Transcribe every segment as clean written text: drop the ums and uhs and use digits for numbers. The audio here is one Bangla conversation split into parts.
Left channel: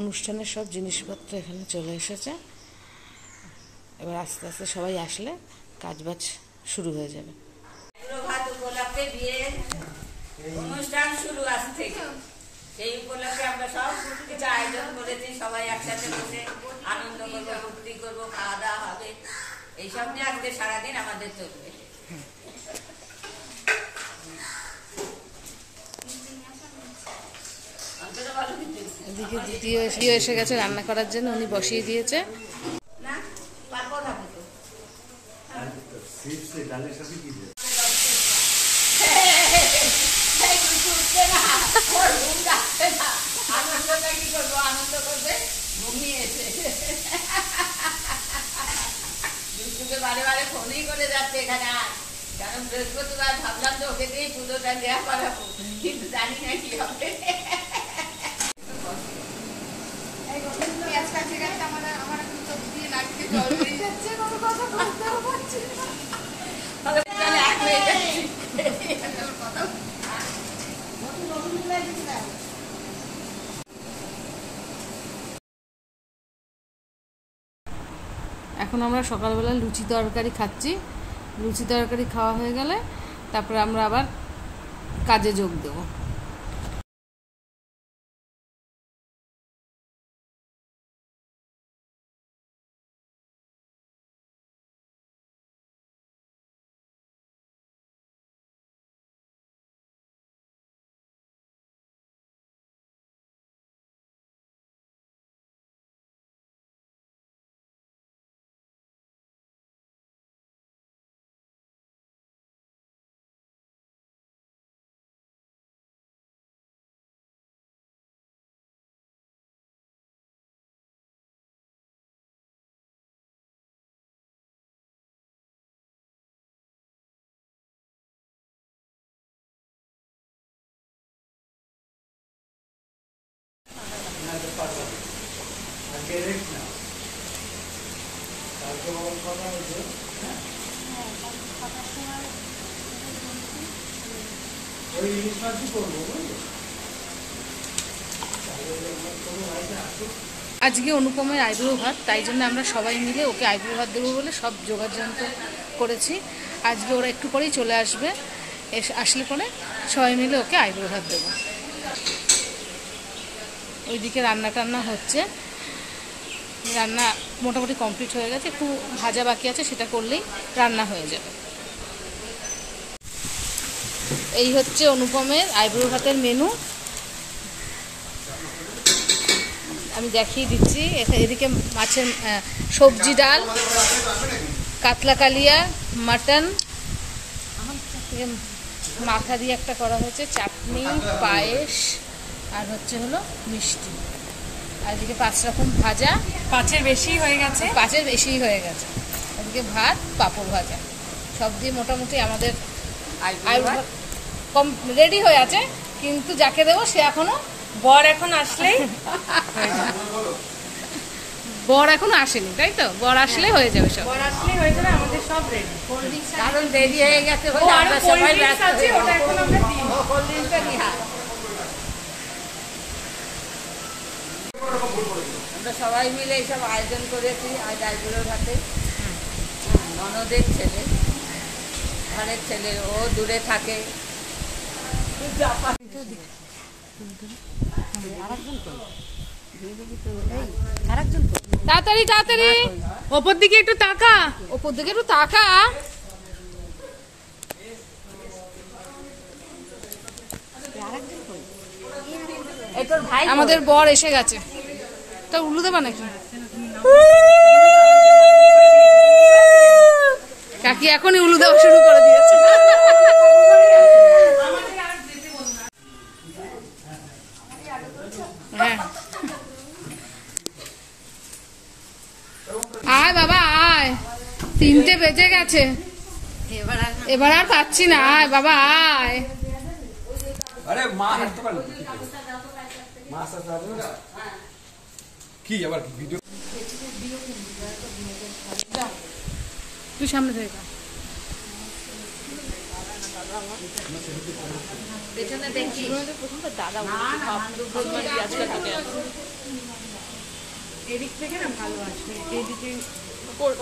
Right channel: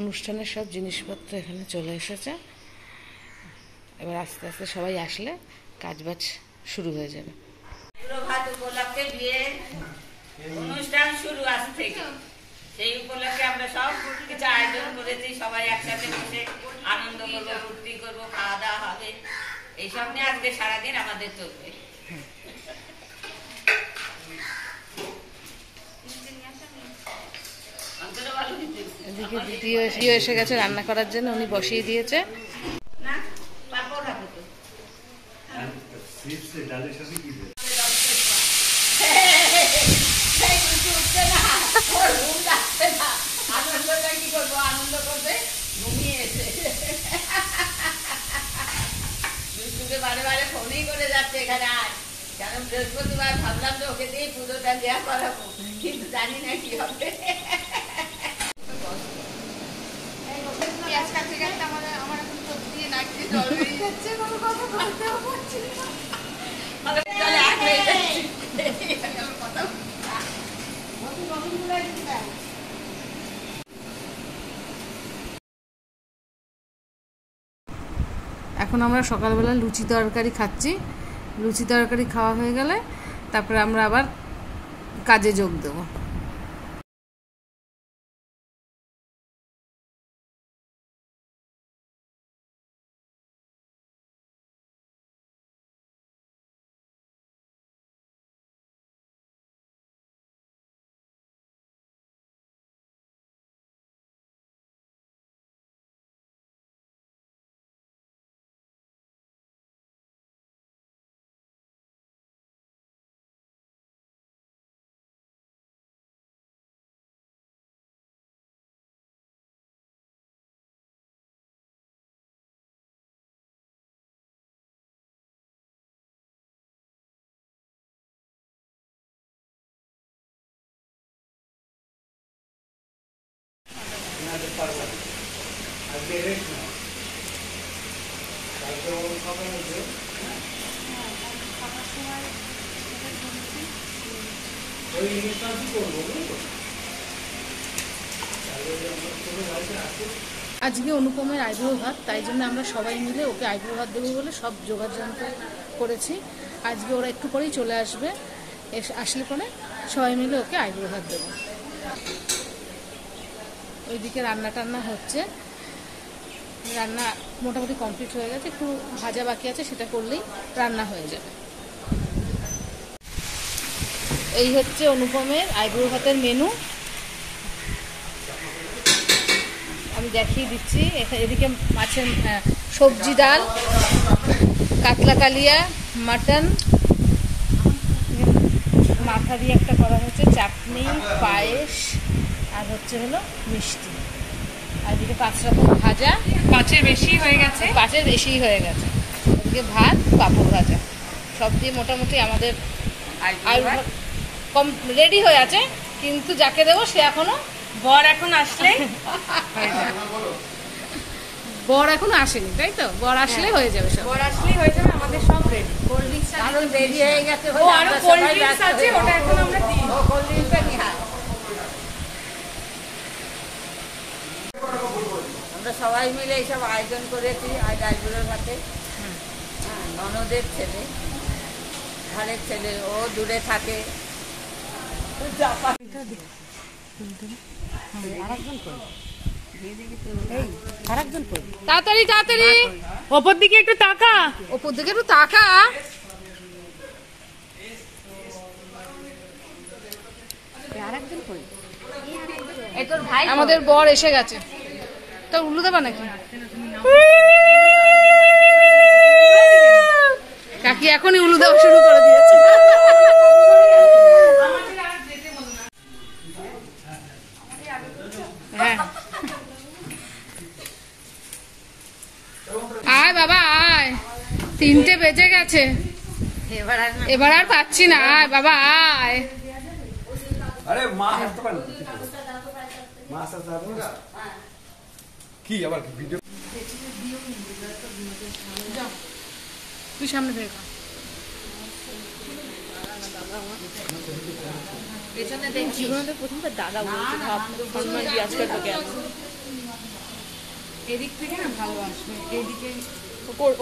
অনুষ্ঠানের সব জিনিসপত্র এখানে চলে এসেছে। এবার আস্তে আস্তে সবাই আসলে কাজবাজ শুরু হয়ে যাবে। ভাত উপলক্ষে বিয়ের অনুষ্ঠান শুরু আজ থেকে, সেই উপলক্ষে আমরা সব কিছু আয়োজন করেছি। সবাই একসাথে বসে আনন্দ করবো, ফুর্তি করবো, খাওয়া দাওয়া হবে, এইসব নিয়ে আজকে সারাদিন আমাদের চলবে। এদিকে দ্বিতীয় এসে গেছে রান্না করার জন্য, উনি বসিয়ে দিয়েছে। না পাপড় হবে তো আনন্দ করবে ঘুমিয়ে এসে বারে বারে ফোনই করে যাচ্ছে এখানে আয়, কারণ বৃহস্পতিবার ভাবলাম তো ওকে দিয়ে পুজোটা দেওয়া করাবো, কিন্তু জানি না কি হবে। আমার এখন চোখ দিয়ে নাচতে জল বেরিয়ে যাচ্ছে, কোনো কথা বলতেও পারছি না। এখন আমরা সকালবেলা লুচি তরকারি খাচ্ছি। লুচি তরকারি খাওয়া হয়ে গেলে তারপরে আমরা আবার কাজে যোগ দেবো। আজকে অনুপমের আইব্রো ভাত, তাই জন্য আমরা সবাই মিলে ওকে আইব্রো ভাত দেবো বলে সব যোগাযন্ত্র করেছি। আজকে ওরা একটু পরেই চলে আসবে, আসলে পরে সবাই মিলে ওকে আইব্রো ভাত দেবো। ওইদিকে রান্না টান্না হচ্ছে, রান্না মোটামুটি কমপ্লিট হয়ে গেছে, একটু ভাজা বাকি আছে, সেটা করলেই রান্না হয়ে যাবে। এই হচ্ছে অনুপমের আইব্রো ভাতের মেনু, আমি দেখিয়ে দিচ্ছি। এদিকে মাছের সবজি, ডাল, কাতলা কালিয়া, মাটন, মাথা দিয়ে একটা করা হয়েছে, চাটনি, পায়েস, আর হচ্ছে হলো মিষ্টি। আর এদিকে 5 রকম ভাজা, 5-এর বেশি হয়ে গেছে, 5-এর বেশি হয়ে গেছে। ওদিকে ভাত, পাঁপড় ভাজা, সব দিয়ে মোটামুটি আমাদের কম রেডি হয়ে আছে। কিন্তু যাকে দেবো সে এখনো বর এখনো আসেনি, তাই তো? বর আসলে হয়ে যাবে, সব বর আসলে হয়ে যাবে, আমাদের সব রেডি। রেডি হয়ে গেছে, ও আরো কোল্ড ড্রিঙ্কস আছে, ওটা এখন আমরা দিই। আমরা সবাই মিলে এইসব আয়োজন করেছি আজ আইবুড়োর ভাতে। ননদের ছেলে, ঘরের ছেলে, ও দূরে থাকে, তাড়াতাড়ি তাড়াতাড়ি ওপর দিকে একটু তাকা, ওপর দিকে একটু তাকা। আমাদের বর এসে গেছে, তা উল্লু দেবা নাকি? কাকি এখনই উল্লু দেওয়া শুরু করে দিয়েছে। হ্যাঁ, আয় বাবা আয়, 3টে বেজে গেছে, এবার আর পাচ্ছি না, আয় বাবা আয়। আরে মা হাসতে পারলো মা হাসতে পারলো কি আবার কি ভিডিও তুই সামনে থেকে পেছনে দেখছি, প্রথমবার দাদা বলছি, ভাবতো আজকে এদিক থেকে না ভালো আসবে, এইদিকে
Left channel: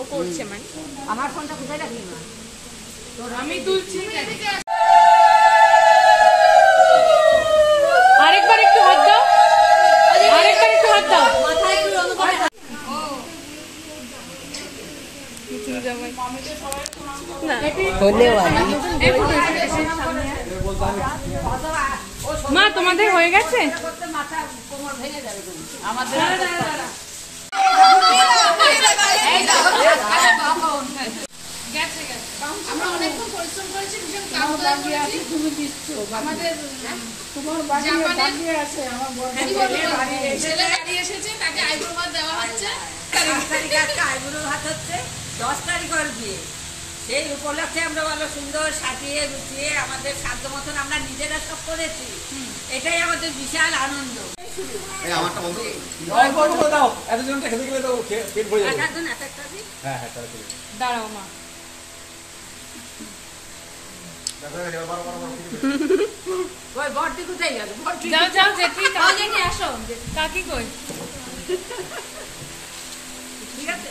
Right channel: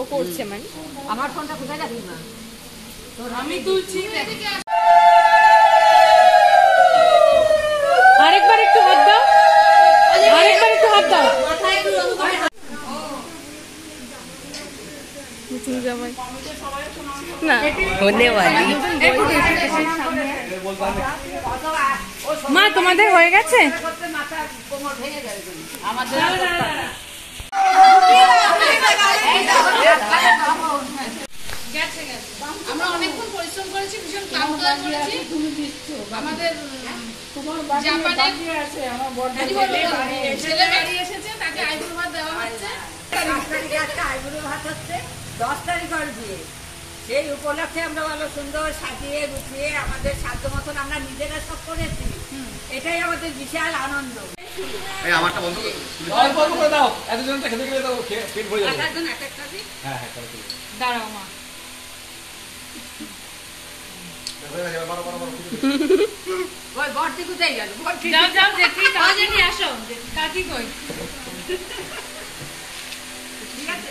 ও করছে মানে। আমার ফোনটা কোথায় রাখলি না? আমি তুলছি, আরেকবার একটু হাত দাও, আরেকবার একটু হাত দাও। মা তোমাদের হয়ে গেছে? আমরা অনেকক্ষণ পরিশ্রম করেছি, ভীষণ ক্লান্ত করেছি। আমাদের ছেলে বাড়ি এসেছে, তাকে আইবুড়ো ভাত দেওয়া হচ্ছে। 5 তারিখে একটা আইবুড়ো ভাত হচ্ছে, 10 তারিখ ওর বিয়ে। সেই উপলক্ষে আমরা ভালো সুন্দর সাজিয়ে গুছিয়ে আমাদের সাধ্য মতন আমরা নিজেরা সব করেছি। এটাই আমাদের বিশাল আনন্দ। আমারটা বন্ধ করে দাও, এতজনটা খেতে গেলে তো পেট ভরে যাবে। একজন এক একটা দিন। হ্যাঁ হ্যাঁ, তাহলে দাঁড়াও মা, ওই বড়টি কোথায় গেল? বড়টি যাও যাও, জেঠি কাজে নিয়ে আসো। কাকি কই? ঠিক আছে?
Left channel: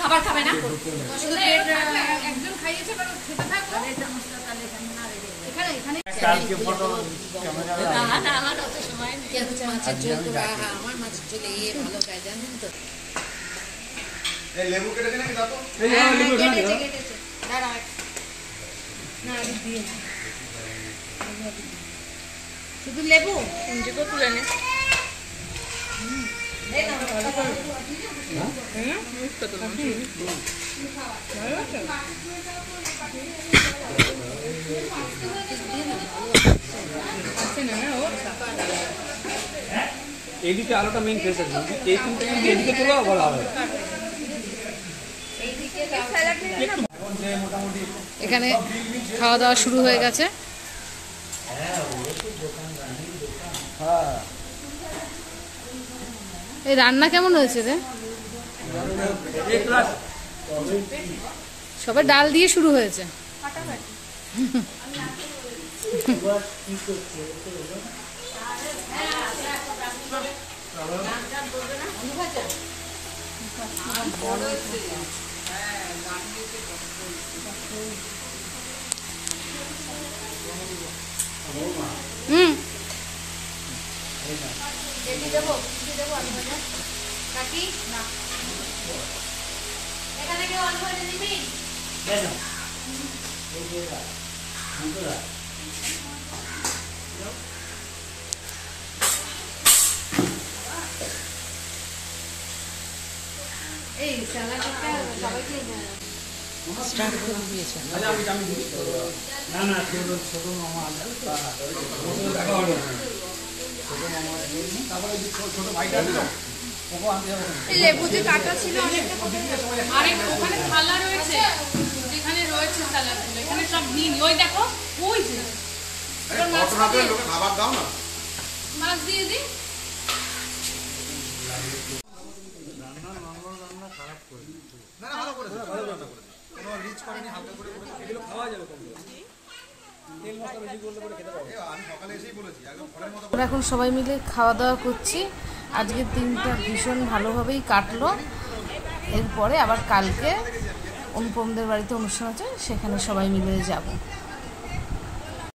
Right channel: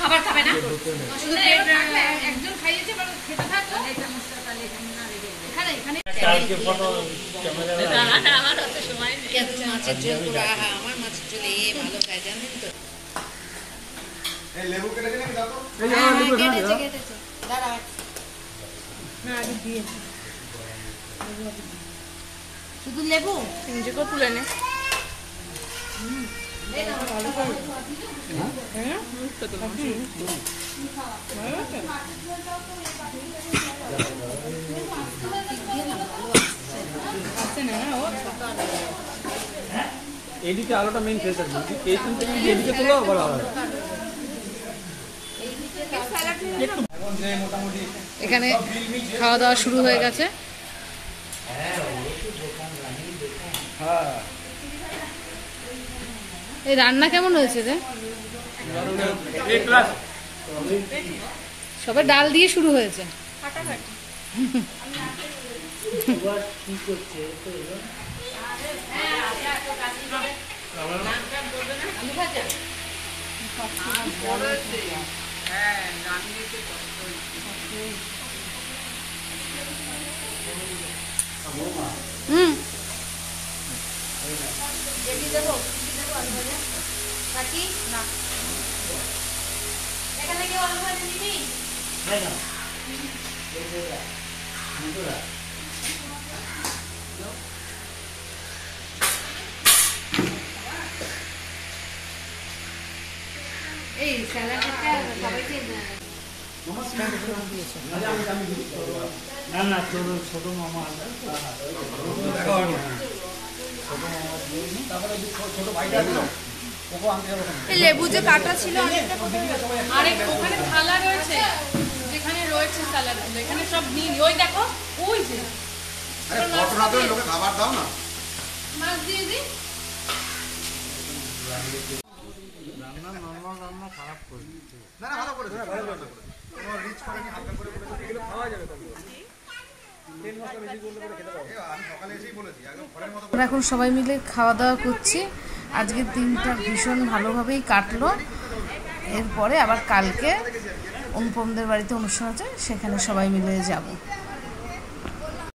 খাবার খাবে না, শুধু পেট একজন খাইয়েছে, বলো খেতে থাকো। এখানে এখানে মাছের ঝোল তো, আমার মাছের ঝোল ভালো খায় জানেন তো। লেবু কেটে দিলে দাও তো। দাঁড়া না, দিয়ে শুধু লেবু নিজেকে তুলে নে। এদিকে আলোটা মেইন ফেস আছে, এইখান থেকে এদিকে তোলো ভালো হবে। মোটামুটি এখানে খাওয়া দাওয়া শুরু হয়ে গেছে। এই রান্না কেমন হয়েছে রে? সবাই ডাল দিয়ে শুরু হয়েছে। এই স্যালাডটা সবাইকে স্টার্ট করে দিয়েছে। না না, ছোট মামা আসবে, ছোট ভাইটা আছে না, ওকে আনতে হবে। লেবু যে কাটা ছিল, আরে ওখানে থালা রয়েছে, যেখানে রয়েছে স্যালাডগুলো, এখানে সব নীল। ওই দেখো, ওই যে খাবার দাও না, মাছ দিয়ে দিই। আমরা এখন সবাই মিলে খাওয়া দাওয়া করছি। আজকের দিনটা ভীষণ ভালোভাবেই কাটলো। এরপরে আবার কালকে অনুপমদের বাড়িতে অনুষ্ঠান আছে, সেখানে সবাই মিলে যাব।